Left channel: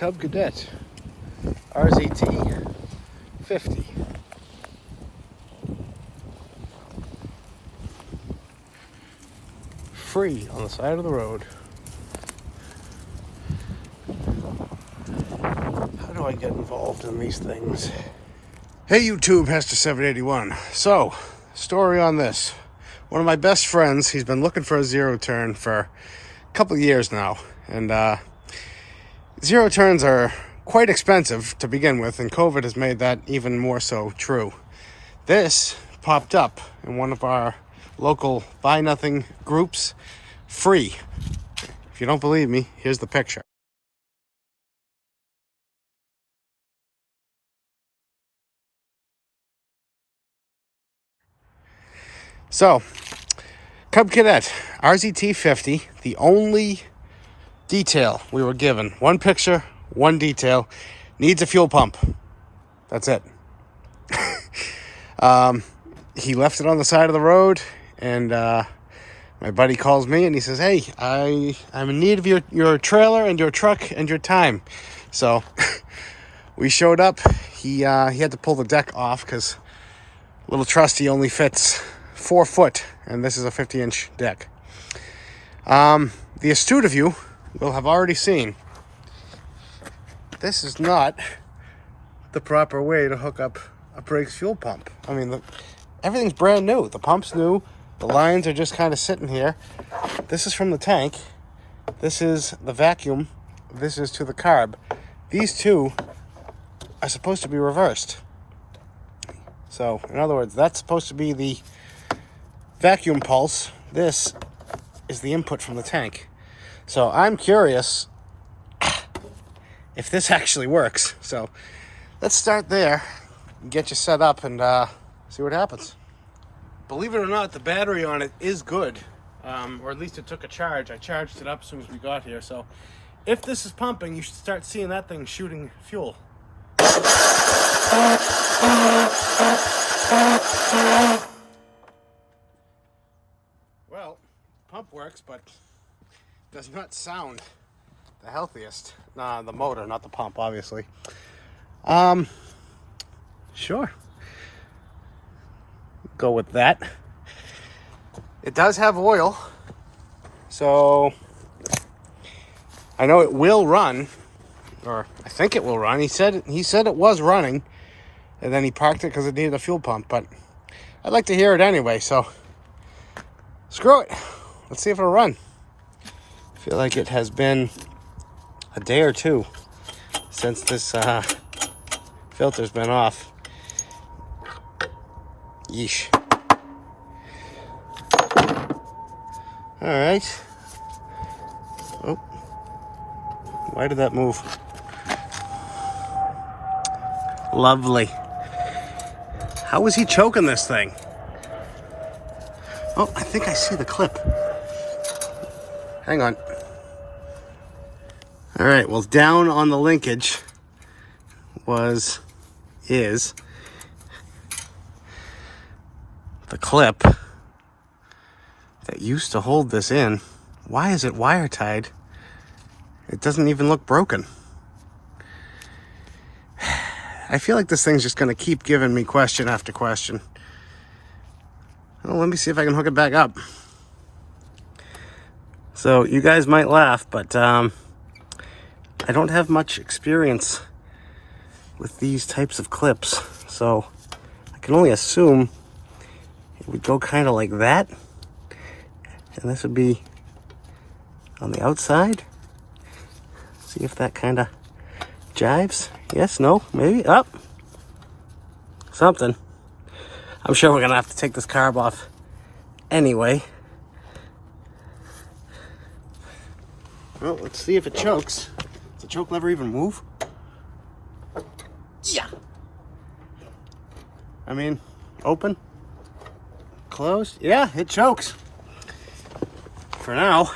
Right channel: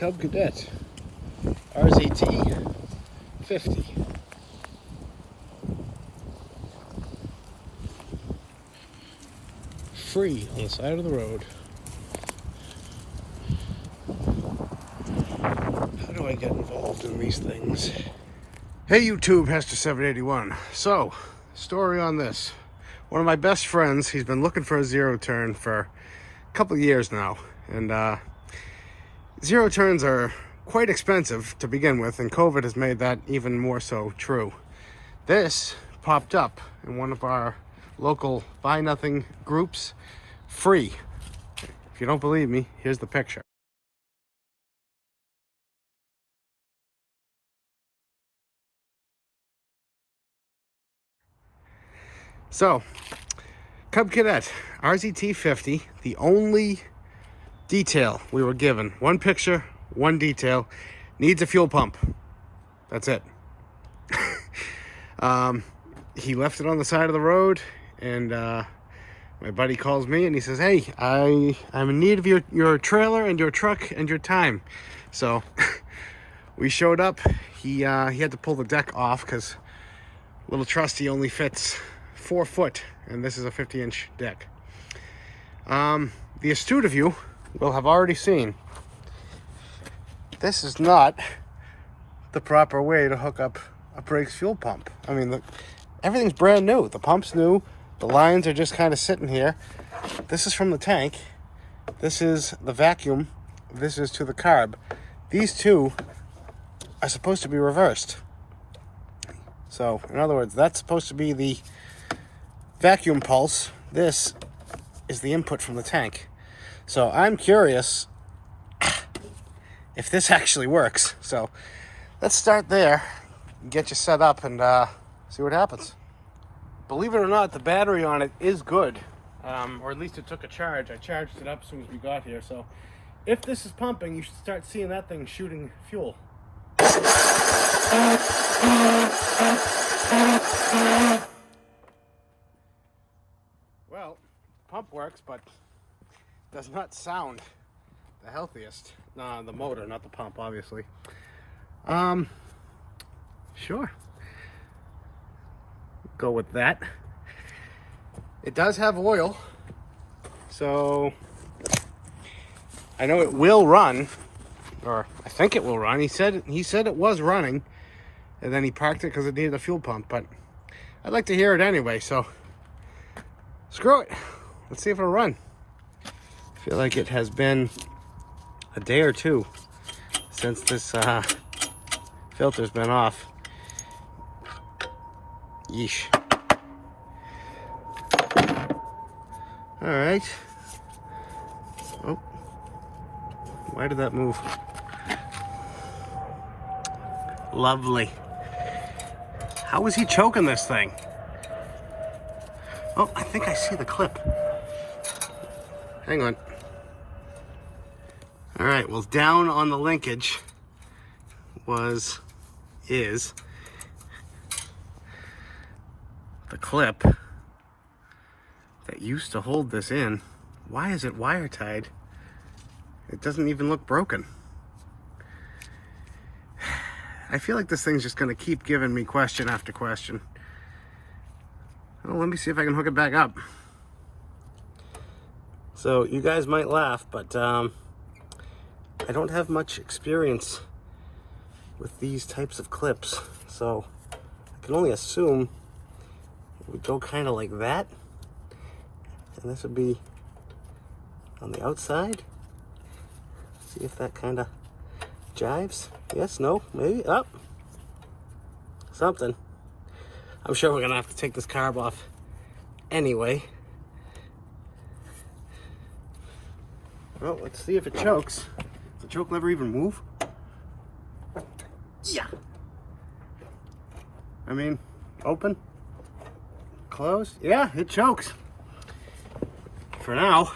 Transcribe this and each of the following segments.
Cub Cadet RZT50. Free on the side of the road. How do I get involved in these things? Hey YouTube, Hester781. So, story on this. One of my best friends, he's been looking for a zero turn for a couple of years now. And zero turns are quite expensive to begin with, and COVID has made that even more so true. This popped up in one of our local buy nothing groups, free. If you don't believe me, here's the picture. So, Cub Cadet RZT50, the only detail we were given, one picture, one detail, needs a fuel pump. That's it. He left it on the side of the road, and my buddy calls me and he says, hey, I'm in need of your trailer and your truck and your time. So we showed up. He had to pull the deck off because little trusty only fits 4 foot, and this is a 50-inch deck. The astute of you will have already seen this is not the proper way to hook up a Briggs fuel pump. I mean, look, everything's brand new. The pump's new. The lines are just kind of sitting here. This is from the tank. This is the vacuum. This is to the carb. These two are supposed to be reversed. So, in other words, that's supposed to be the vacuum pulse. This is the input from the tank. So I'm curious if this actually works. So let's start there, get you set up, and see what happens. Believe it or not, the battery on it is good, or at least it took a charge. I charged it up as soon as we got here. So if this is pumping, you should start seeing that thing shooting fuel. Well, pump works, but does not sound the healthiest. The motor, not the pump, obviously. Sure. Go with that. It does have oil, so I know it will run, or I think it will run. He said it was running, and then he parked it because it needed a fuel pump, but I'd like to hear it anyway, so screw it. Let's see if it'll run. I feel like it has been a day or two since this filter's been off. Yeesh. All right. Oh, why did that move? Lovely. How was he choking this thing? Oh, I think I see the clip. Hang on. All right, well, down on the linkage is the clip that used to hold this in. Why is it wire tied? It doesn't even look broken. I feel like this thing's just gonna keep giving me question after question. Well, let me see if I can hook it back up. So you guys might laugh, but I don't have much experience with these types of clips, so I can only assume it would go kind of like that, and this would be on the outside. See if that kind of jives. Yes, no, maybe, up. Something. I'm sure we're gonna have to take this carb off anyway. Well, let's see if it chokes. Does the choke lever even move? Yeah. I mean, open, closed. Yeah, it chokes. For now,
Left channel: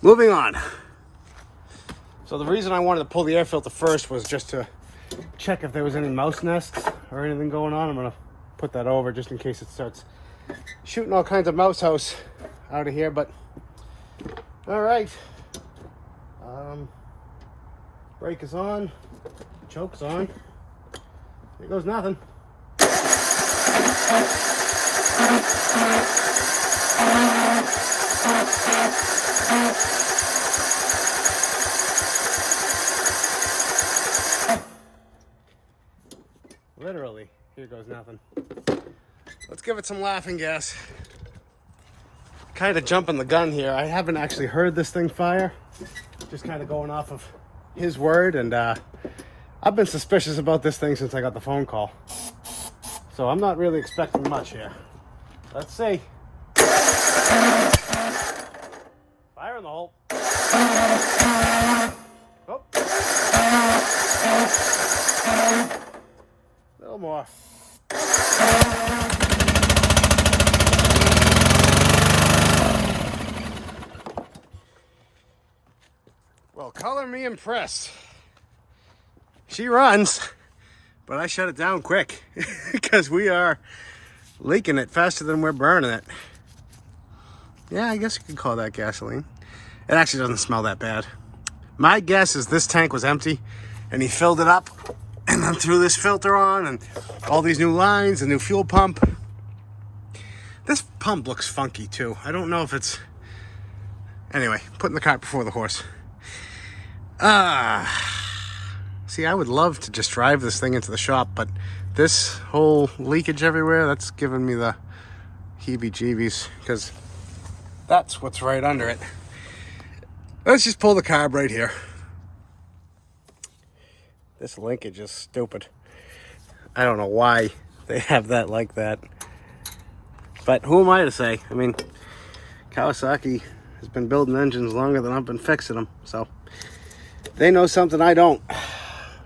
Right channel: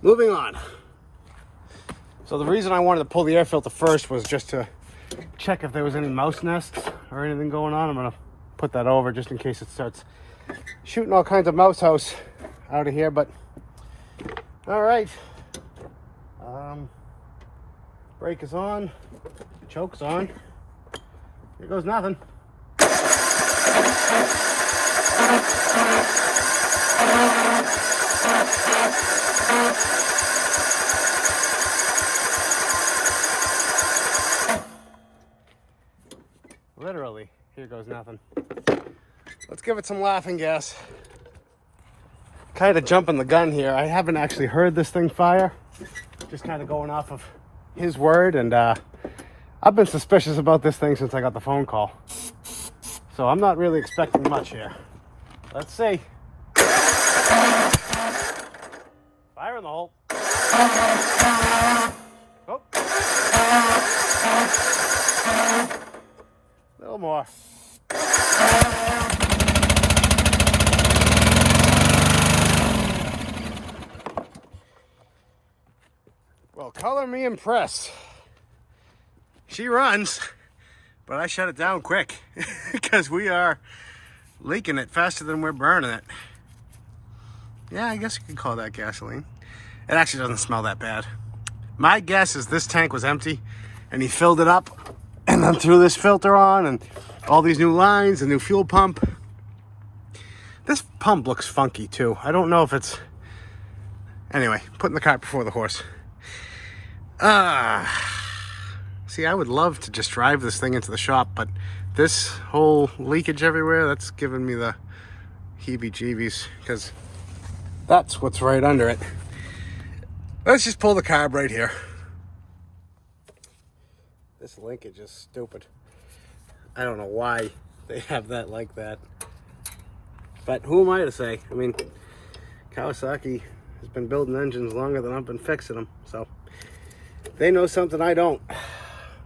moving on. So the reason I wanted to pull the air filter first was just to check if there was any mouse nests or anything going on. I'm gonna put that over just in case it starts shooting all kinds of mouse house out of here, but all right. Brake is on. Choke's on. Here goes nothing. Literally, here goes nothing. Let's give it some laughing gas. Kind of jumping the gun here. I haven't actually heard this thing fire. Just kind of going off of his word, and I've been suspicious about this thing since I got the phone call. So I'm not really expecting much here. Let's see. Fire in the hole. Oh. A little more. Well, color me impressed. She runs, but I shut it down quick because we are leaking it faster than we're burning it. Yeah, I guess you could call that gasoline. It actually doesn't smell that bad. My guess is this tank was empty and he filled it up and then threw this filter on and all these new lines, a new fuel pump. This pump looks funky too. I don't know if it's... Anyway, putting the cart before the horse. See, I would love to just drive this thing into the shop, but this whole leakage everywhere, that's giving me the heebie-jeebies, because that's what's right under it. Let's just pull the carb right here. This linkage is stupid. I don't know why they have that like that. But who am I to say? I mean, Kawasaki has been building engines longer than I've been fixing them, so they know something I don't.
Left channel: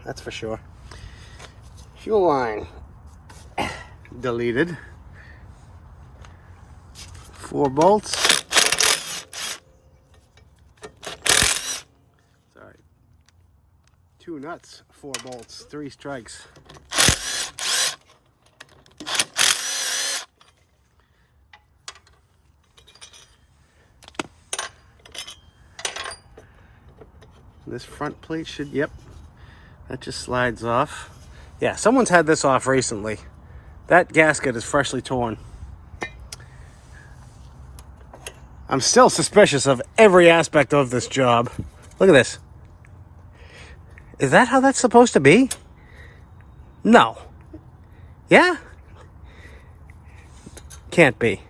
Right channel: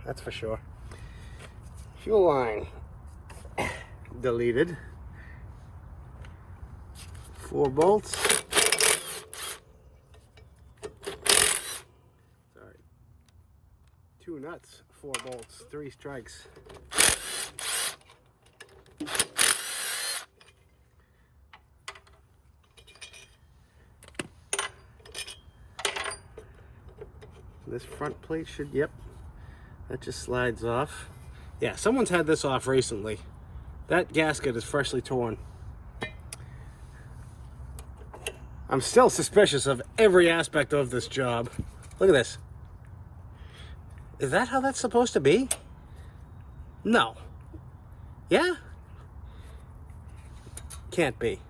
That's for sure. Fuel line deleted. 4 bolts. Sorry. 2 nuts, 4 bolts, 3 strikes. This front plate should, yep, that just slides off. Yeah, someone's had this off recently. That gasket is freshly torn. I'm still suspicious of every aspect of this job. Look at this. Is that how that's supposed to be? No. Yeah? Can't be.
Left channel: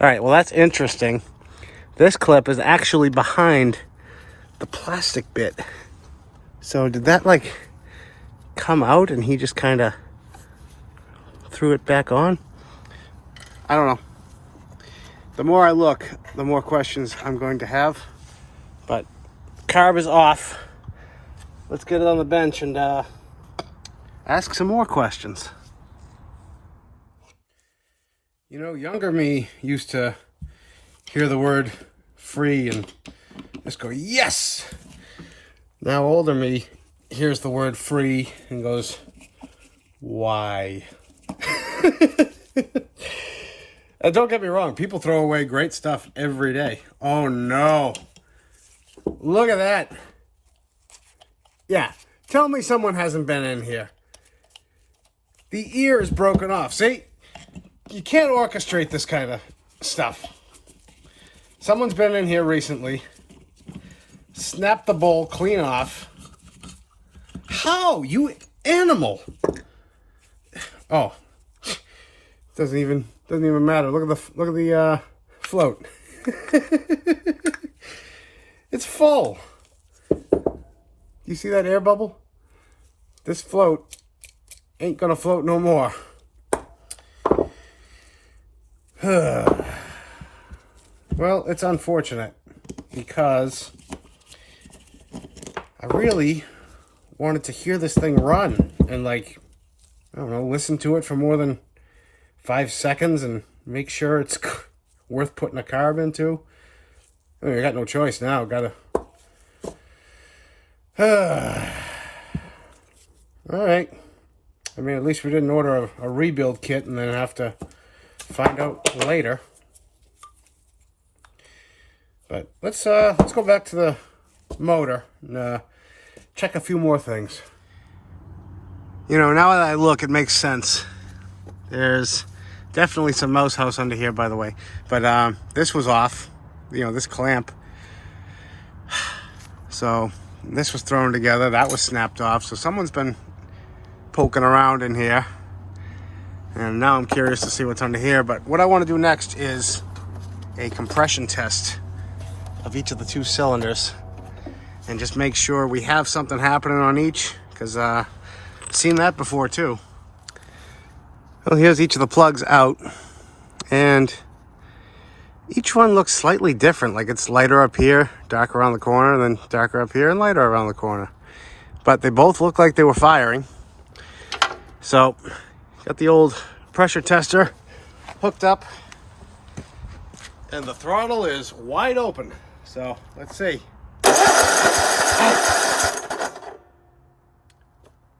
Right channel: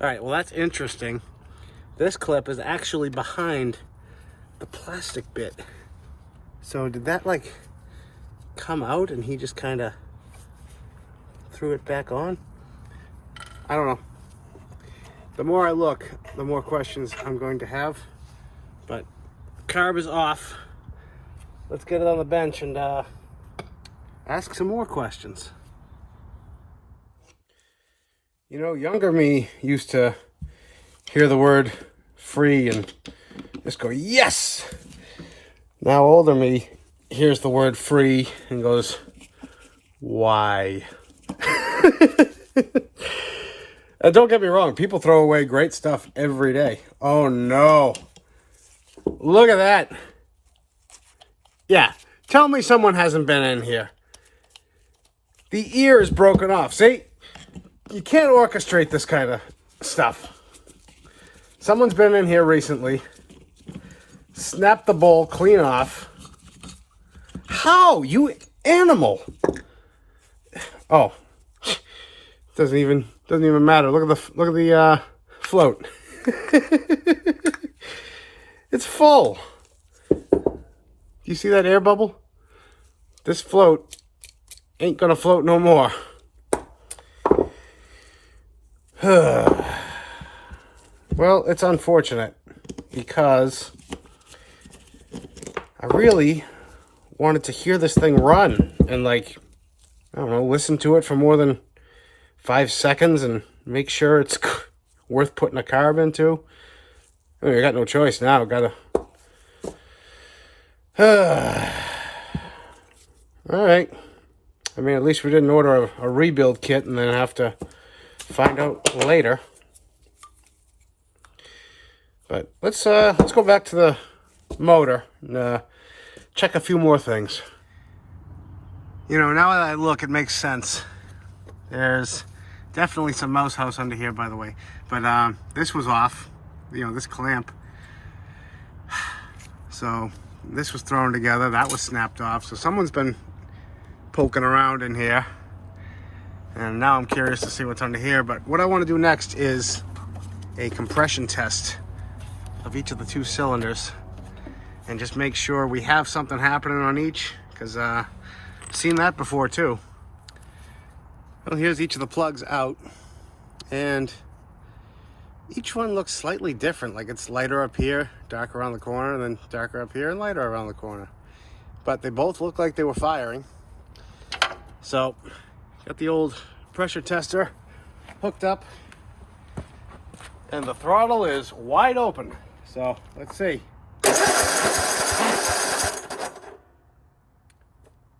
All right, well, that's interesting. This clip is actually behind the plastic bit. So did that like come out and he just kind of threw it back on? I don't know. The more I look, the more questions I'm going to have. But carb is off. Let's get it on the bench and ask some more questions. You know, younger me used to hear the word free and just go, yes! Now older me hears the word free and goes, why? And don't get me wrong, people throw away great stuff every day. Oh no. Look at that. Yeah, tell me someone hasn't been in here. The ear is broken off. See? You can't orchestrate this kind of stuff. Someone's been in here recently. Snap the bowl clean off. How? You animal. Oh. Doesn't even matter. Look at the float. It's full. You see that air bubble? This float ain't gonna float no more. Well, it's unfortunate because I really wanted to hear this thing run and, like, I don't know, listen to it for more than 5 seconds and make sure it's worth putting a carb into. I mean, I got no choice now. Gotta. All right. I mean, at least we didn't order a rebuild kit and then have to find out later. But let's go back to the motor. And, check a few more things. You know, now that I look, it makes sense. There's definitely some mouse house under here, by the way. But this was off, you know, this clamp. So this was thrown together, that was snapped off. So someone's been poking around in here. And now I'm curious to see what's under here. But what I want to do next is a compression test of each of the 2 cylinders. And just make sure we have something happening on each. Because I've seen that before too. Well, here's each of the plugs out. And each one looks slightly different. Like it's lighter up here, darker around the corner, and then darker up here and lighter around the corner. But they both look like they were firing. So, got the old pressure tester hooked up. And the throttle is wide open. So, let's see.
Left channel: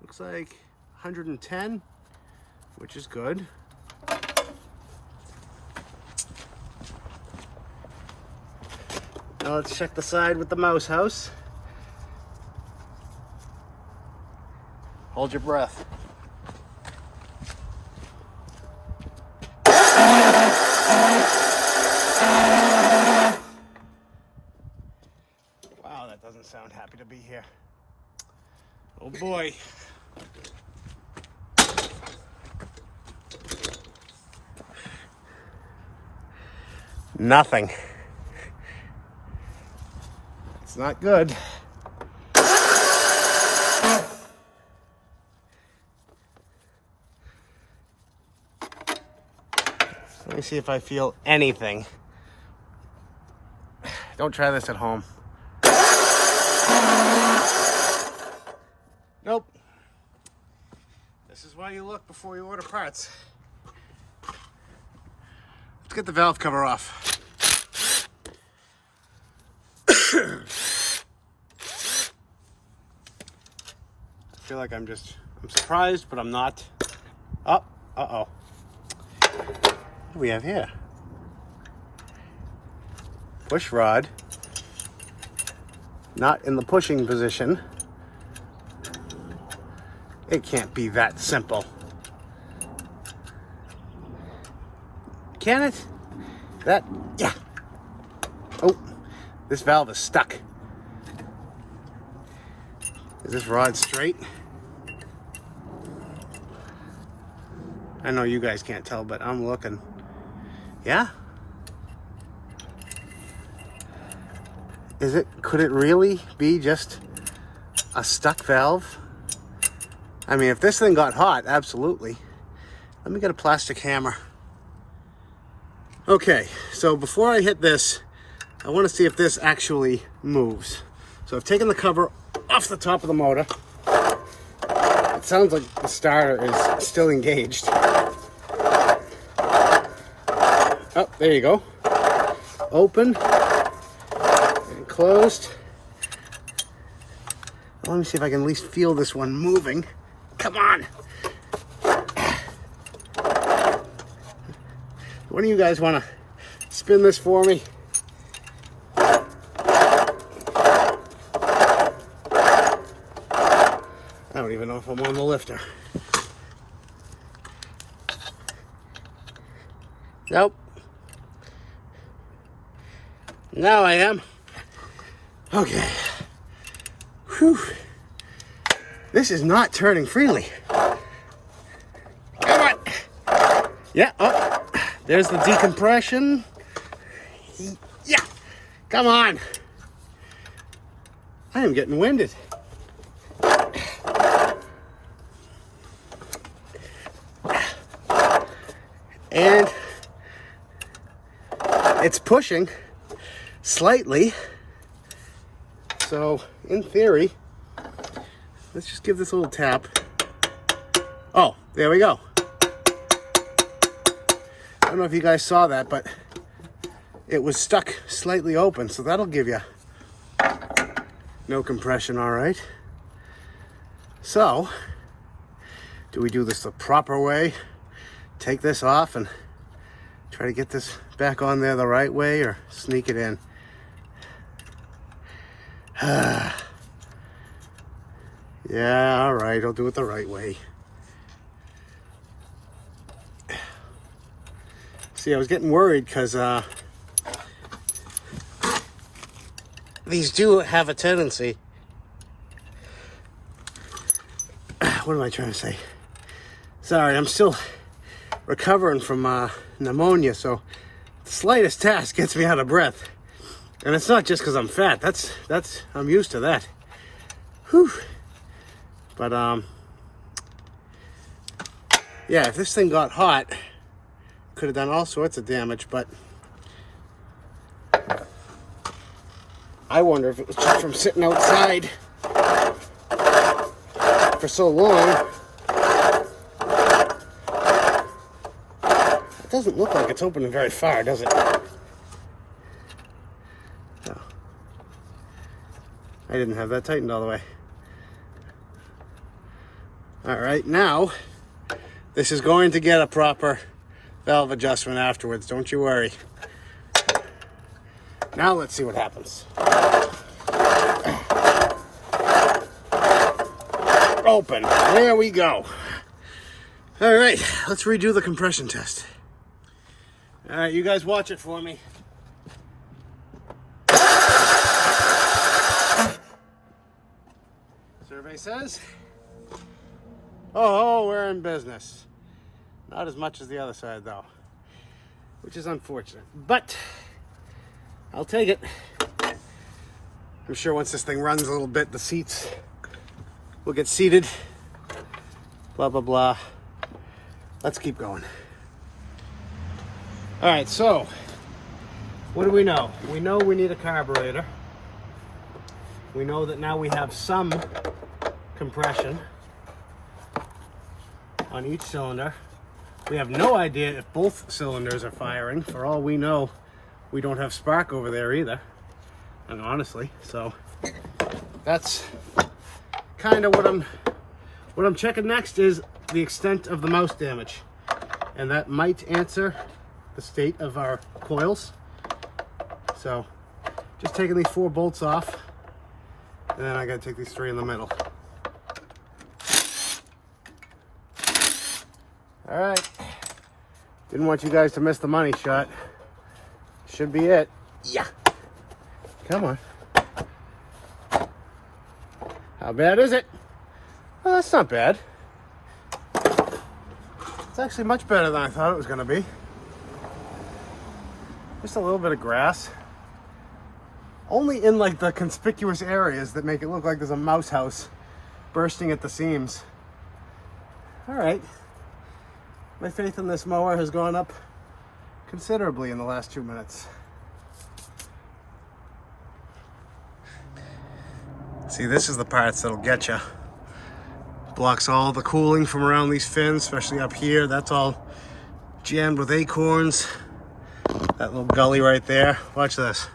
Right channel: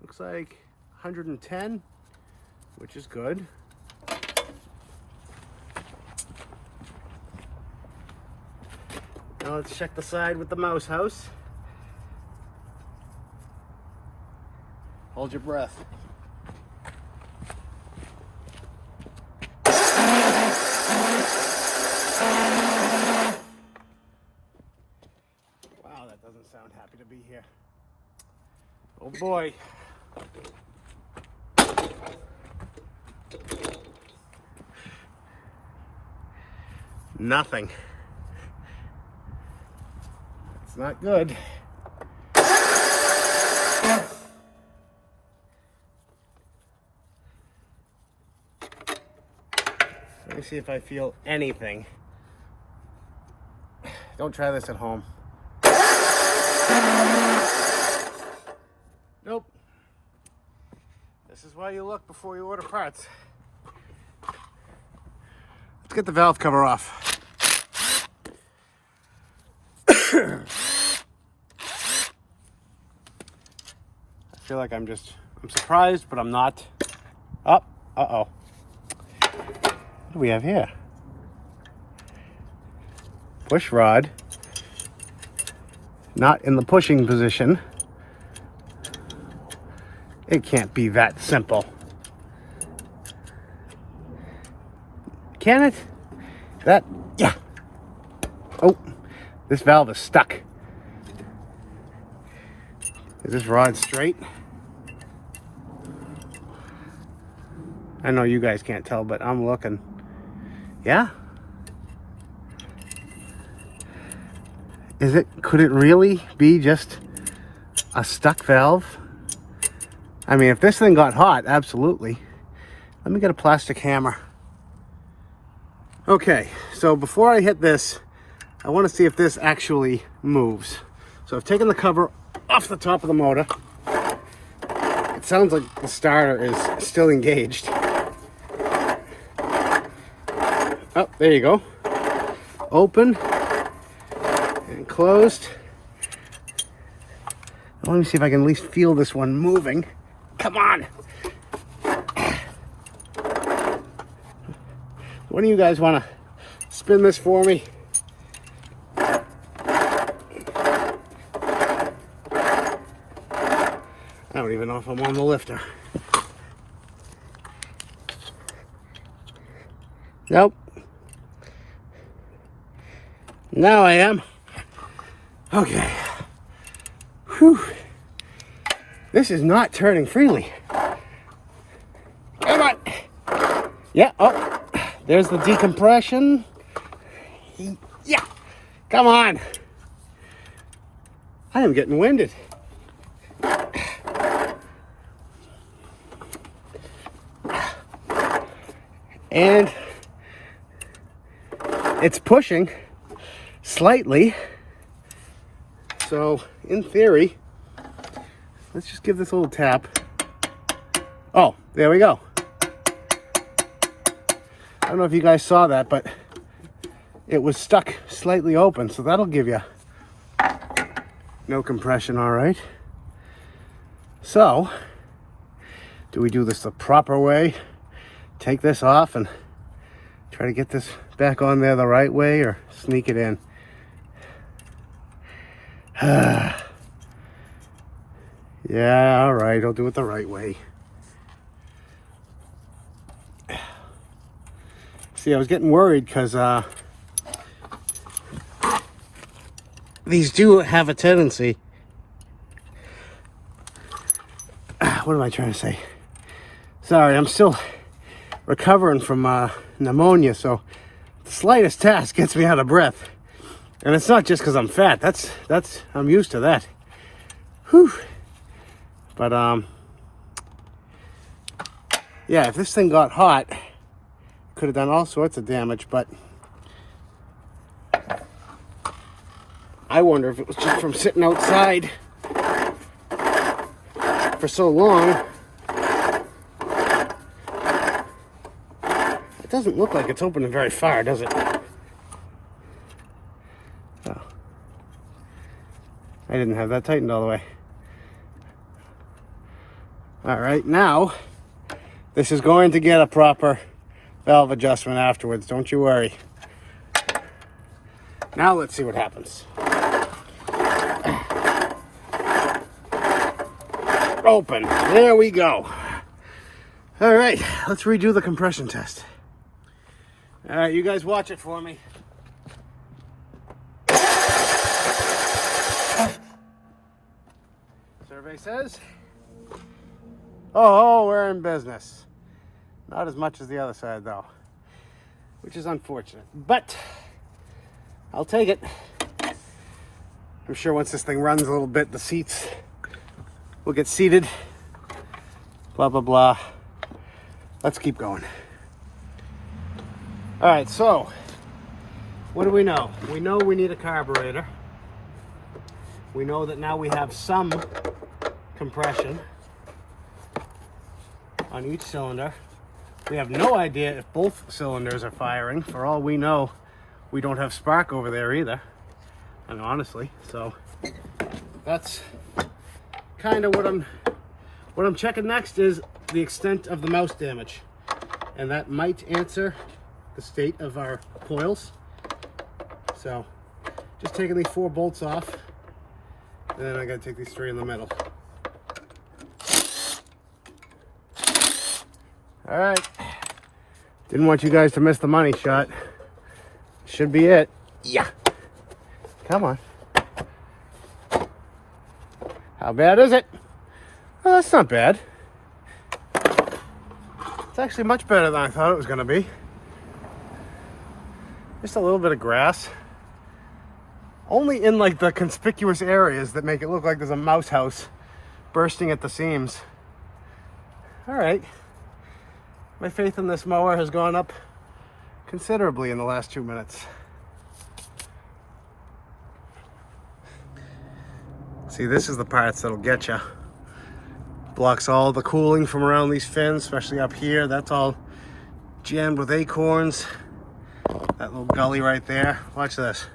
Looks like 110, which is good. Now let's check the side with the mouse house. Hold your breath. Wow, that doesn't sound happy to be here. Oh boy. Nothing. It's not good. Let me see if I feel anything. Don't try this at home. Nope. This is why you look before you order parts. Let's get the valve cover off. I feel like I'm surprised, but I'm not. Oh, uh-oh. What do we have here? Push rod. Not in the pushing position. It can't be that simple. Can it? Yeah. Oh, this valve is stuck. Is this rod straight? I know you guys can't tell, but I'm looking. Yeah? Could it really be just a stuck valve? I mean, if this thing got hot, absolutely. Let me get a plastic hammer. Okay, so before I hit this, I want to see if this actually moves. So I've taken the cover off the top of the motor. It sounds like the starter is still engaged. Oh, there you go. Open and closed. Let me see if I can at least feel this one moving. Come on. What do you guys want to spin this for me? I don't even know if I'm on the lifter. Nope. Now I am. Okay. Whew. This is not turning freely. Come on. Yeah, oh, there's the decompression. Yeah, come on. I am getting winded. And it's pushing slightly. So, in theory, let's just give this a little tap. Oh, there we go. I don't know if you guys saw that, but it was stuck slightly open, so that'll give you no compression, all right? So, do we do this the proper way? Take this off and try to get this back on there the right way, or sneak it in? Yeah, all right, I'll do it the right way. See, I was getting worried because these do have a tendency. What am I trying to say? Sorry, I'm still recovering from pneumonia, so the slightest task gets me out of breath. And it's not just because I'm fat. That's I'm used to that. Whew. But yeah, if this thing got hot, could have done all sorts of damage. But I wonder if it was just from sitting outside for so long. It doesn't look like it's opening very far, does it? Oh. I didn't have that tightened all the way. All right, now this is going to get a proper valve adjustment afterwards, don't you worry. Now let's see what happens. Open, there we go. All right, let's redo the compression test. All right, you guys watch it for me. Survey says, oh, we're in business. Not as much as the other side though, which is unfortunate, but I'll take it. I'm sure once this thing runs a little bit, the seats will get seated, blah, blah, blah. Let's keep going. All right, so what do we know? We know we need a carburetor. We know that now we have some compression on each cylinder. We have no idea if both cylinders are firing. For all we know, we don't have spark over there either. And honestly, so that's kind of what I'm checking next is the extent of the mouse damage. And that might answer the state of our coils. So just taking these 4 bolts off, and then I gotta take these 3 in the middle. All right, didn't want you guys to miss the money shot. Should be it. Yeah, come on. How bad is it? Well, that's not bad. It's actually much better than I thought it was gonna be. Just a little bit of grass. Only in like the conspicuous areas that make it look like there's a mouse house bursting at the seams. All right. My faith in this mower has gone up considerably in the last 2 minutes. See, this is the parts that'll get you. Blocks all the cooling from around these fins, especially up here. That's all jammed with acorns. That little gully right there. Watch this.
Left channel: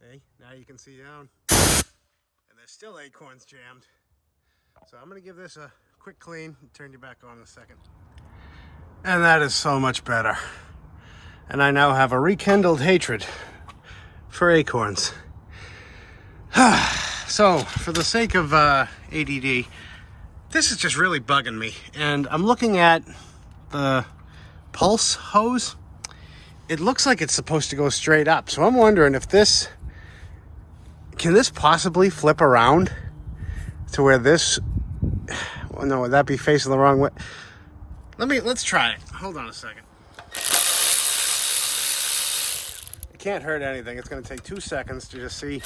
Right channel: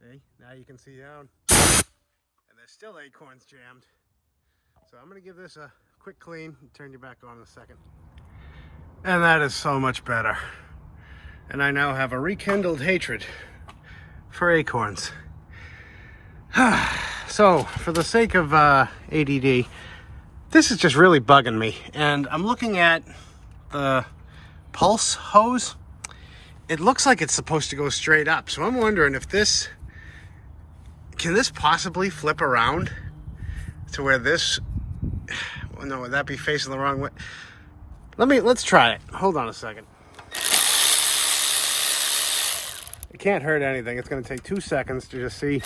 See? Now you can see down. And there's still acorns jammed. So I'm going to give this a quick clean and turn you back on in a second. And that is so much better. And I now have a rekindled hatred for acorns. So, for the sake of ADD, this is just really bugging me. And I'm looking at the pulse hose. It looks like it's supposed to go straight up. So I'm wondering if this, can this possibly flip around to where this, well, no, would that be facing the wrong way? Let's try it. Hold on a second. It can't hurt anything. It's going to take 2 seconds to just see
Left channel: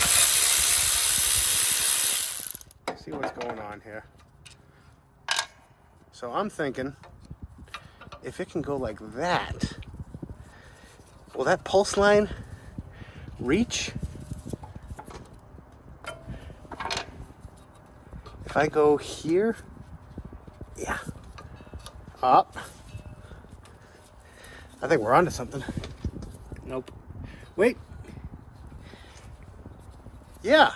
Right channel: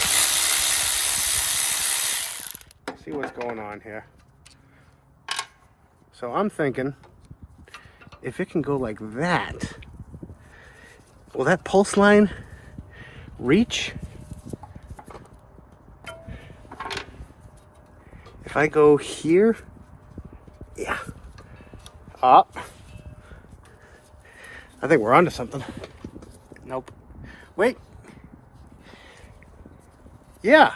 what's going on here. So I'm thinking, if it can go like that, will that pulse line reach? If I go here, yeah, up. I think we're onto something. Nope. Wait. Yeah.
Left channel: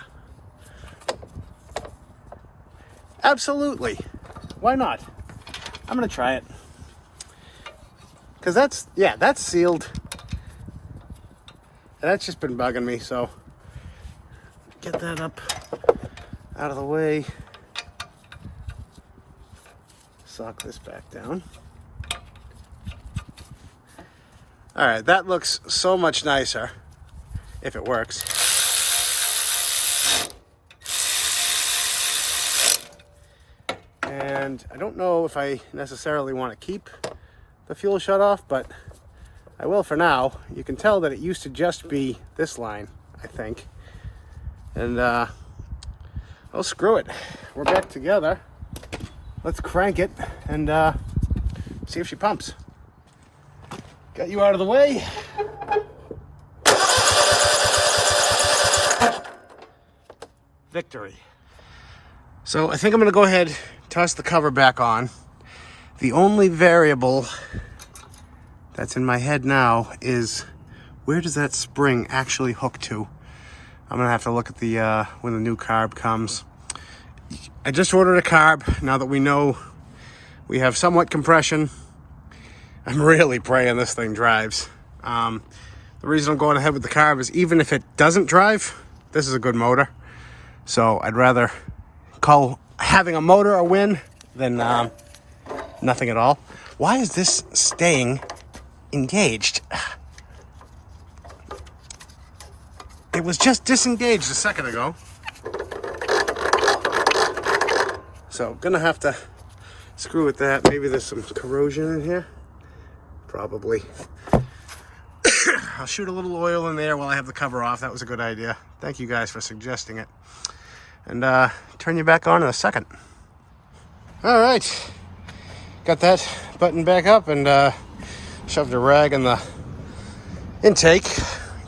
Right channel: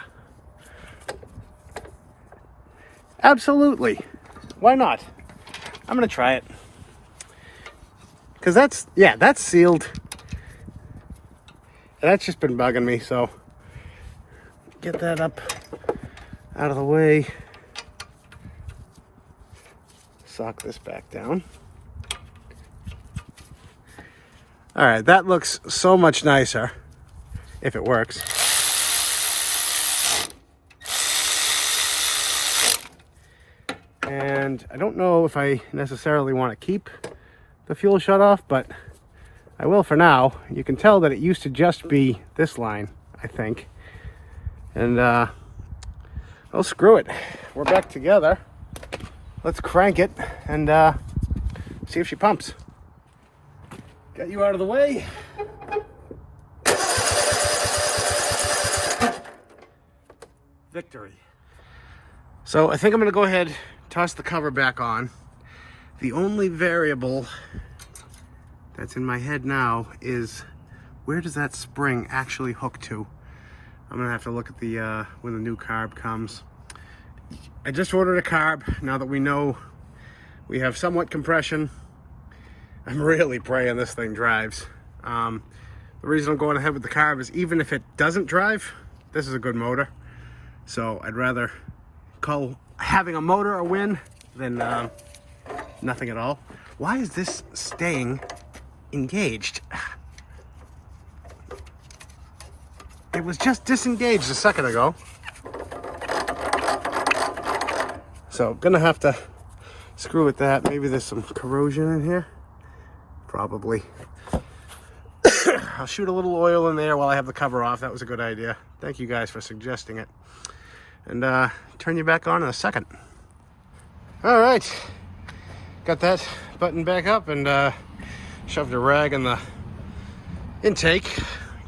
Absolutely. Why not? I'm gonna try it. Because that's, yeah, that's sealed. And that's just been bugging me, so get that up out of the way. Sock this back down. All right, that looks so much nicer if it works. And I don't know if I necessarily want to keep the fuel shut off, but I will for now. You can tell that it used to just be this line, I think. And oh, screw it. We're back together. Let's crank it and see if she pumps. Got you out of the way. Victory. So I think I'm gonna go ahead, toss the cover back on. The only variable that's in my head now is where does that spring actually hook to? I'm gonna have to look at the when the new carb comes. I just ordered a carb. Now that we know we have somewhat compression, I'm really praying this thing drives. The reason I'm going ahead with the carb is even if it doesn't drive, this is a good motor. So I'd rather call having a motor a win than nothing at all. Why is this staying engaged? It was just disengaged a second ago. So gonna have to screw with that. Maybe there's some corrosion in here. Probably. I'll shoot a little oil in there while I have the cover off. That was a good idea. Thank you guys for suggesting it. And turn you back on in a second. All right. Got that button back up and shoved a rag in the intake.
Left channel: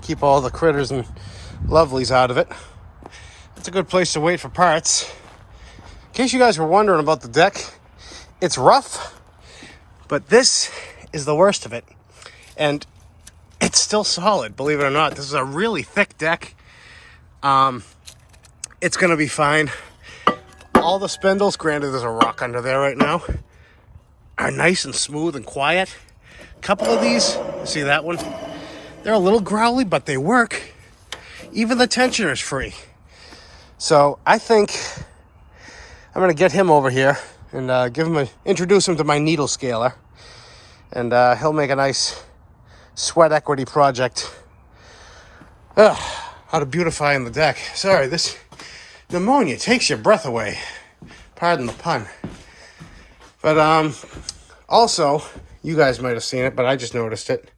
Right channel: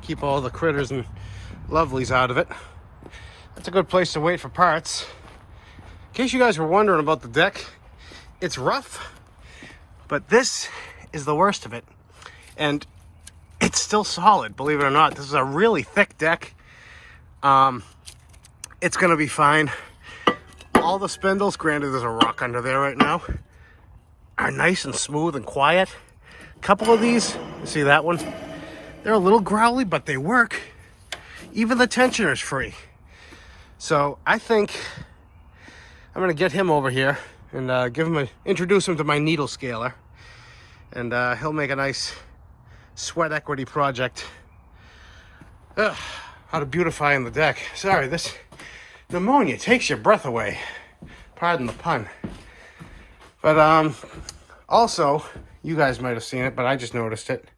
Keep all the critters and lovelies out of it. That's a good place to wait for parts. In case you guys were wondering about the deck, it's rough, but this is the worst of it. And it's still solid, believe it or not. This is a really thick deck. It's gonna be fine. All the spindles, granted there's a rock under there right now, are nice and smooth and quiet. A couple of these, you see that one? They're a little growly, but they work. Even the tensioner's free. So I think I'm gonna get him over here and introduce him to my needle scaler. And he'll make a nice sweat equity project. Ugh, how to beautify the deck. Sorry, this pneumonia takes your breath away. Pardon the pun. But also, you guys might have seen it, but I just noticed it.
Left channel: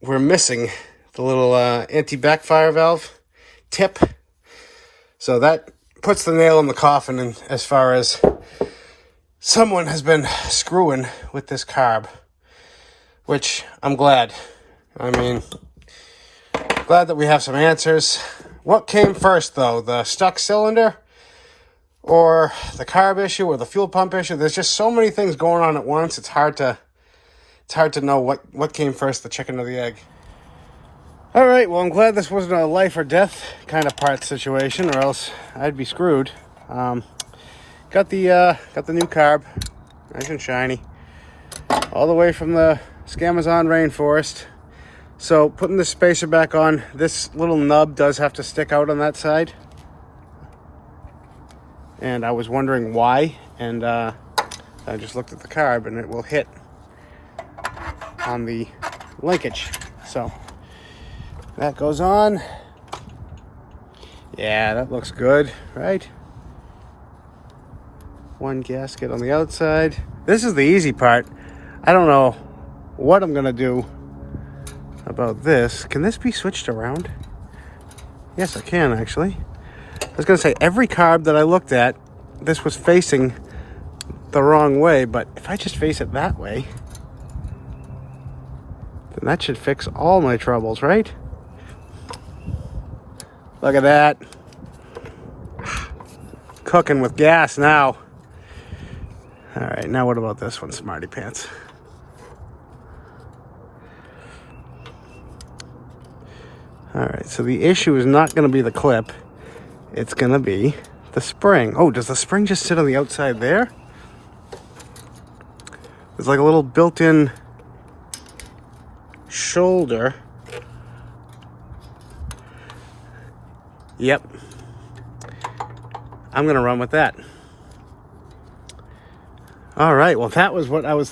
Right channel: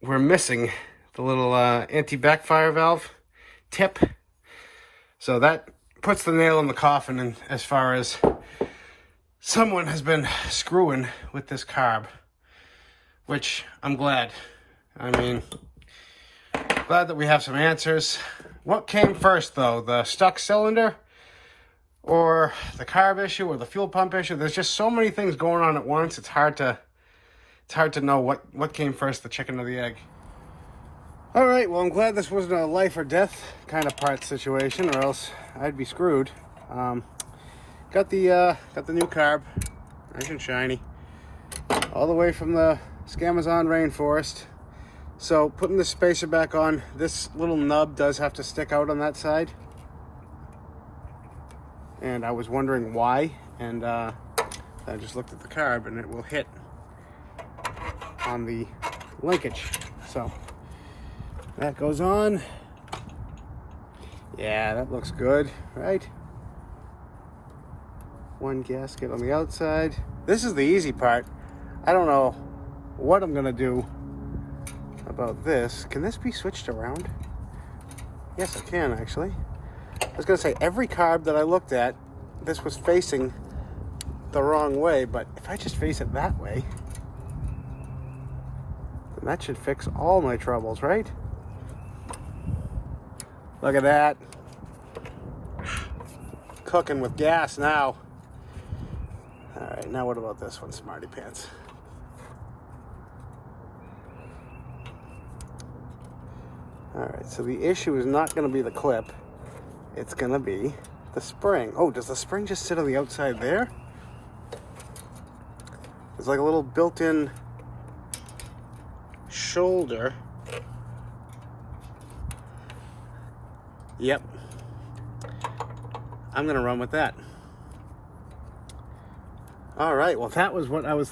We're missing the little anti-backfire valve tip. So that puts the nail in the coffin, and as far as someone has been screwing with this carb, which I'm glad. I mean, glad that we have some answers. What came first, though? The stuck cylinder or the carb issue or the fuel pump issue? There's just so many things going on at once. It's hard to know what came first, the chicken or the egg. All right, well, I'm glad this wasn't a life or death kind of part situation, or else I'd be screwed. Got the new carb, nice and shiny, all the way from the Amazon rainforest. So putting the spacer back on, this little nub does have to stick out on that side. And I was wondering why, and I just looked at the carb and it will hit on the linkage. So that goes on. Yeah, that looks good, right? One gasket on the outside. This is the easy part. I don't know what I'm gonna do about this. Can this be switched around? Yes, I can actually. I was gonna say every carb that I looked at, this was facing the wrong way, but if I just face it that way, then that should fix all my troubles, right? Look at that. Cooking with gas now. All right, now what about this one, Smarty Pants? All right, so the issue is not going to be the clip. It's going to be the spring. Oh, does the spring just sit on the outside there? There's like a little built-in shoulder. Yep. I'm gonna run with that. All right, well, that was what I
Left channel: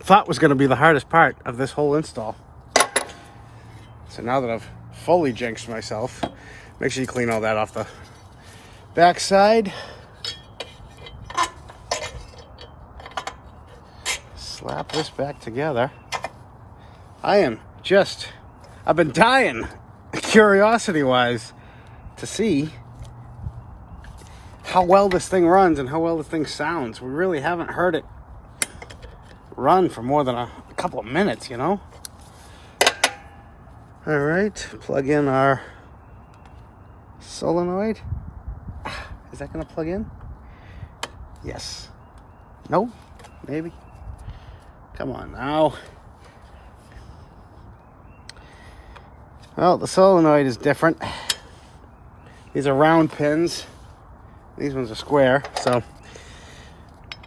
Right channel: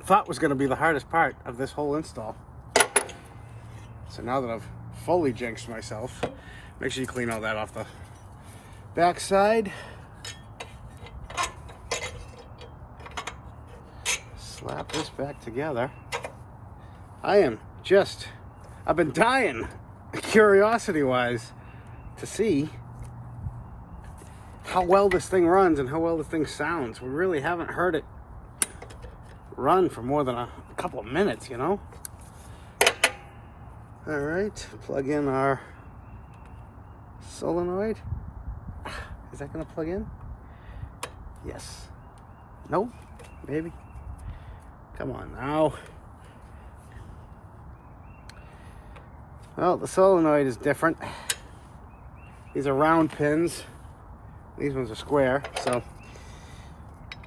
thought was gonna be the hardest part of this whole install. So now that I've fully jinxed myself, make sure you clean all that off the back side. Slap this back together. I've been dying, curiosity-wise, to see how well this thing runs and how well this thing sounds. We really haven't heard it run for more than a couple of minutes, you know? All right, plug in our solenoid. Is that gonna plug in? Yes. No? Maybe? Come on now. Well, the solenoid is different. These are round pins. These ones are square, so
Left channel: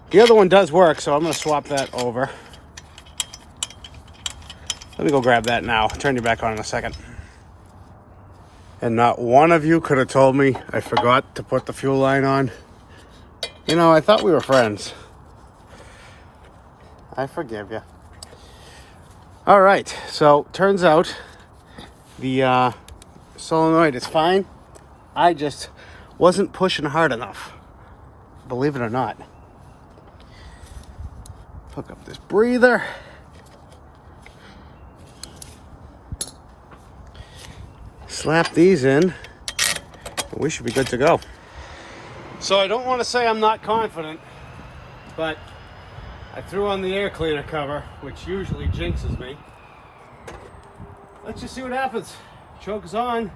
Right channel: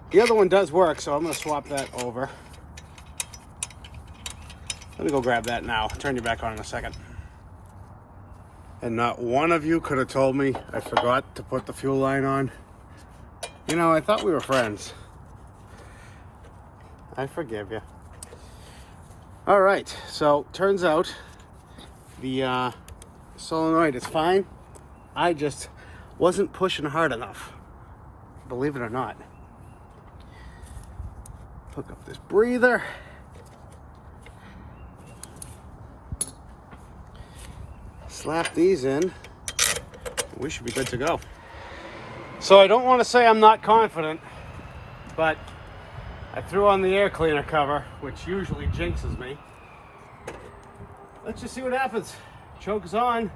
the other one does work, so I'm gonna swap that over. Let me go grab that now. Turn you back on in a second. And not one of you could have told me I forgot to put the fuel line on. You know, I thought we were friends. I forgive you. All right, so turns out the solenoid is fine. I just wasn't pushing hard enough, believe it or not. Hook up this breather. Slap these in. We should be good to go. So I don't want to say I'm not confident, but I threw on the air cleaner cover, which usually jinxes me. Let's just see what happens. Choke is on.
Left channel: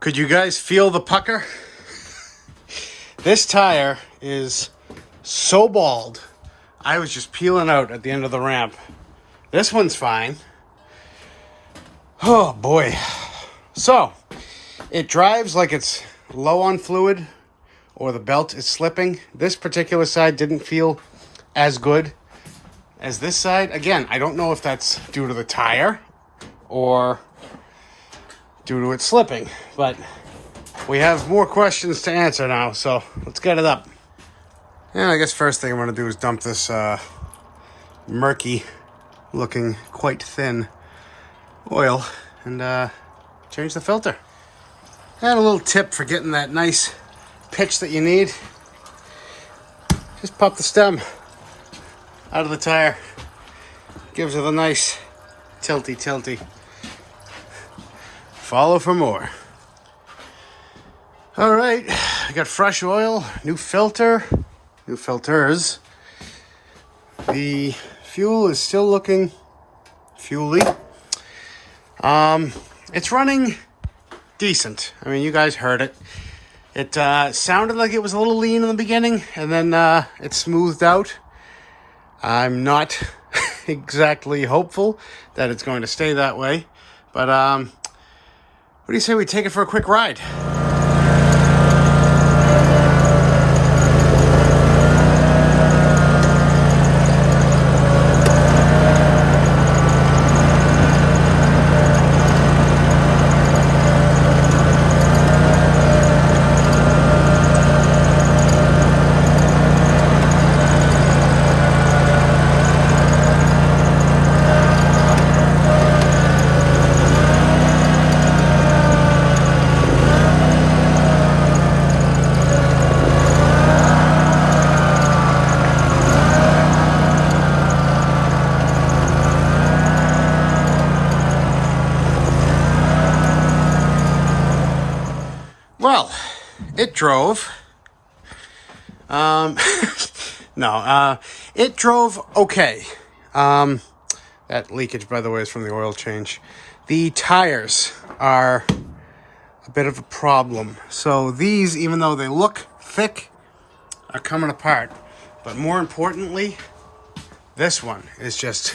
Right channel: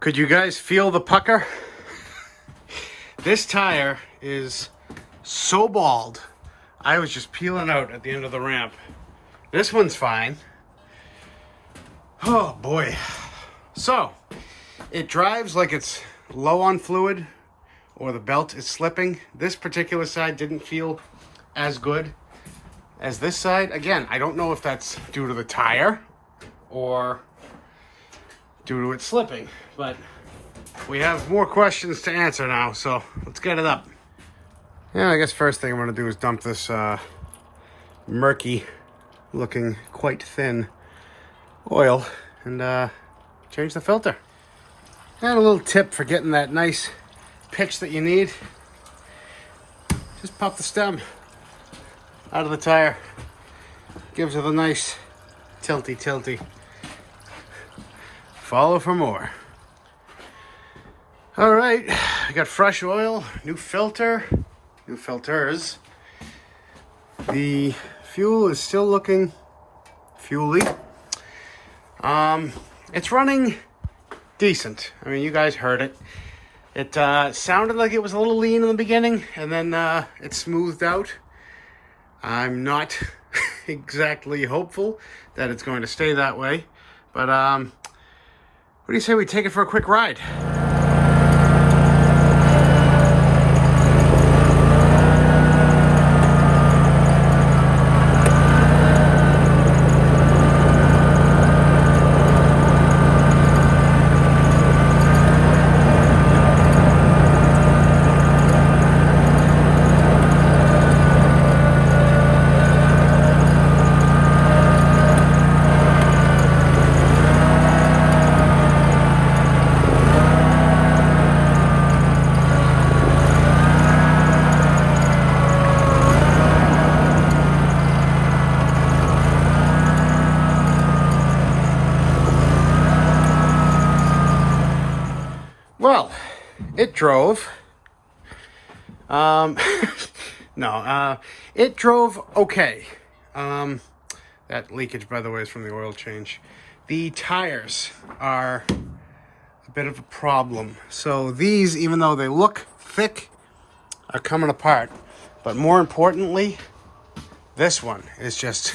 Could you guys feel the pucker? This tire is so bald. I was just peeling out at the end of the ramp. This one's fine. Oh boy. So, it drives like it's low on fluid or the belt is slipping. This particular side didn't feel as good as this side. Again, I don't know if that's due to the tire or due to it slipping, but we have more questions to answer now, so let's get it up. And I guess first thing I'm going to do is dump this murky looking, quite thin oil and change the filter. And a little tip for getting that nice pitch that you need. Just pop the stem out of the tire. Gives it a nice tilty. Follow for more. All right, I got fresh oil, new filter, new filters. The fuel is still looking fuely. It's running decent. I mean, you guys heard it. It sounded like it was a little lean in the beginning, and then it smoothed out. I'm not exactly hopeful that it's going to stay that way, but what do you say we take it for a quick ride? it drove. It drove okay. That leakage, by the way, is from the oil change. The tires are a bit of a problem. So these, even though they look thick, are coming apart. But more importantly, this one is just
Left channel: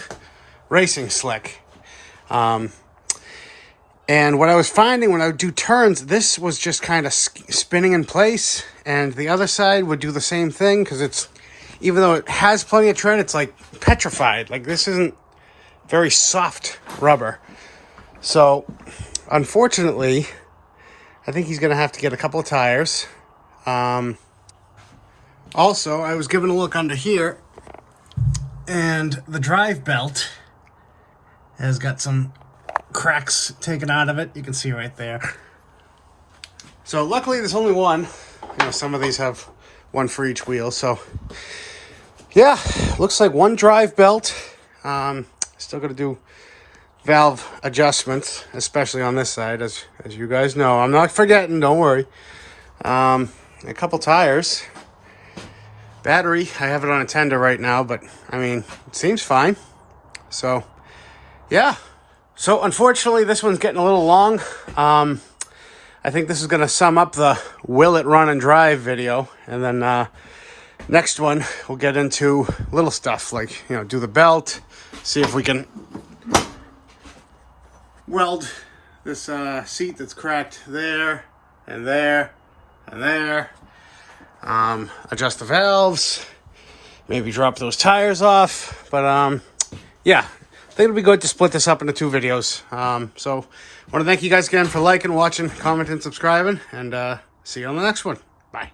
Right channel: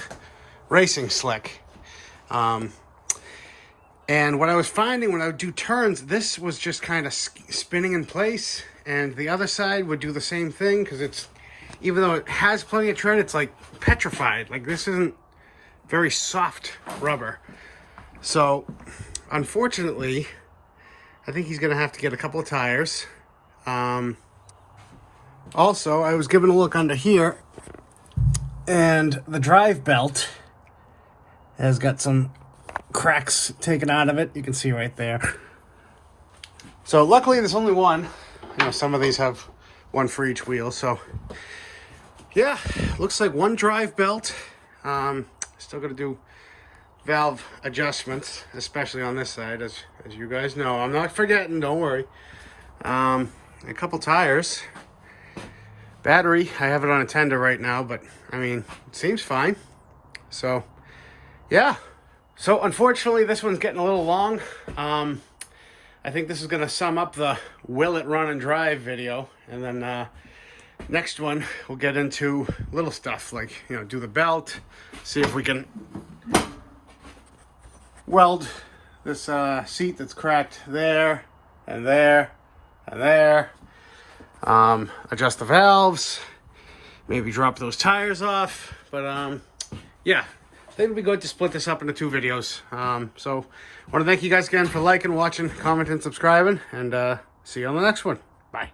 racing slick. And what I was finding when I would do turns, this was just kind of spinning in place, and the other side would do the same thing, because it's, even though it has plenty of tread, it's like petrified. Like, this isn't very soft rubber. So unfortunately, I think he's gonna have to get a couple of tires. Also, I was giving a look under here, and the drive belt has got some cracks taken out of it. You can see right there. So luckily there's only one. You know, some of these have one for each wheel. So yeah, looks like one drive belt. Still got to do valve adjustments, especially on this side, as you guys know. I'm not forgetting, don't worry. A couple tires. Battery, I have it on a tender right now, but I mean, it seems fine. So yeah. So unfortunately, this one's getting a little long. I think this is going to sum up the will it run and drive video. And then next one, we'll get into little stuff like, you know, do the belt, see if we can weld this seat that's cracked there and there and there. Adjust the valves, maybe drop those tires off. But yeah, I think it'll be good to split this up into 2 videos. So I want to thank you guys again for liking, watching, commenting, subscribing, and see you on the next one. Bye.